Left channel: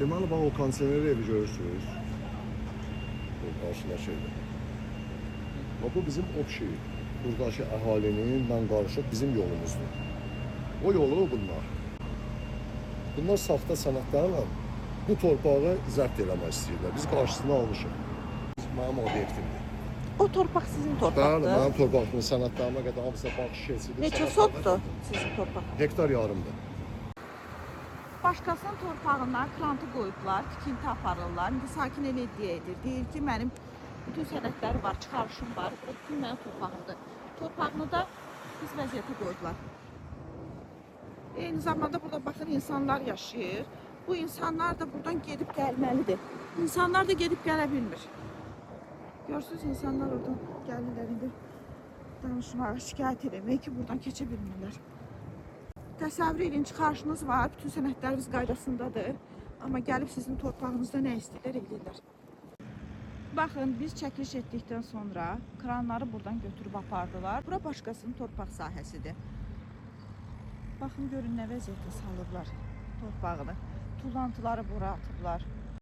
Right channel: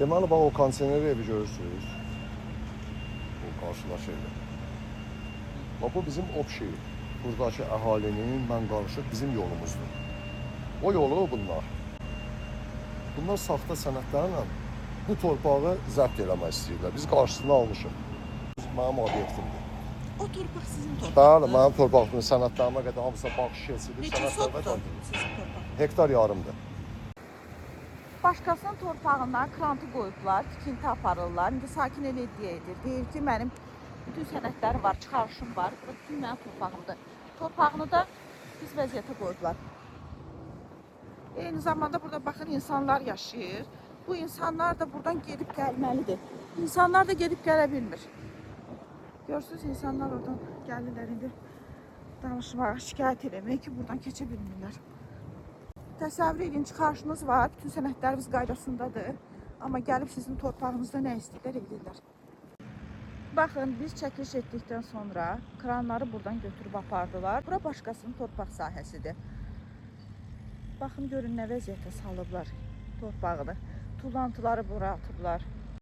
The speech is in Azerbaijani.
Deməli, bax o kontener evi görürsünüz. O qarşıda şeydir. Bax bu bizim общий. Buradakı əhalinin mən qarışıq bizim yolumuzdur. O yolu bunlar. Bunlar saxta sənədlərlə bu torpağı zəbt eləmək istəyirlər. Biz qarşısını almışıq. Mənim obyektimdir. O torpaq sizin Bəli, torpaqdır. mənim torpağımın sənədlərimə qədər hamısı baxış şişəsidir. Neçə sotdur sizin torpaq? Hektar yarımdır. Başqasının torpağından krantı qoyublar, tikinti aparırlar. İndi sakin elə edir. Deyir ki, mənim bütün sənədləri var, çıxarışım var. Bu bütün mənim torpağımdır. Torpağını da biz vəziyyətə qoyublar. Eyni zamanda burada baxın insanlar yaşayır. Bu insanlar da buradan gedib gəlməlidir. İnsanlar da gedib gələ bilmir. Görürsünüz, insanlar oradan gəlirlər indi danışmağa, şikayət eləmək ki, buradan keçə bilmirlər. Təsəvvür edin, çıxarışınız var, bütün sənədləriniz qaydasındadır. Amma gəlib sizin torpağınızda nə istəyirlər, edirlər. Baxın, biz çəkiliş etdikdən sonra kranları buradan götürüb apardılar. Bura başqasının torpaq sahəsidir. Baxın, görün nə vəziyyətə salıblar torpağını. Tullantıları bura atıblar.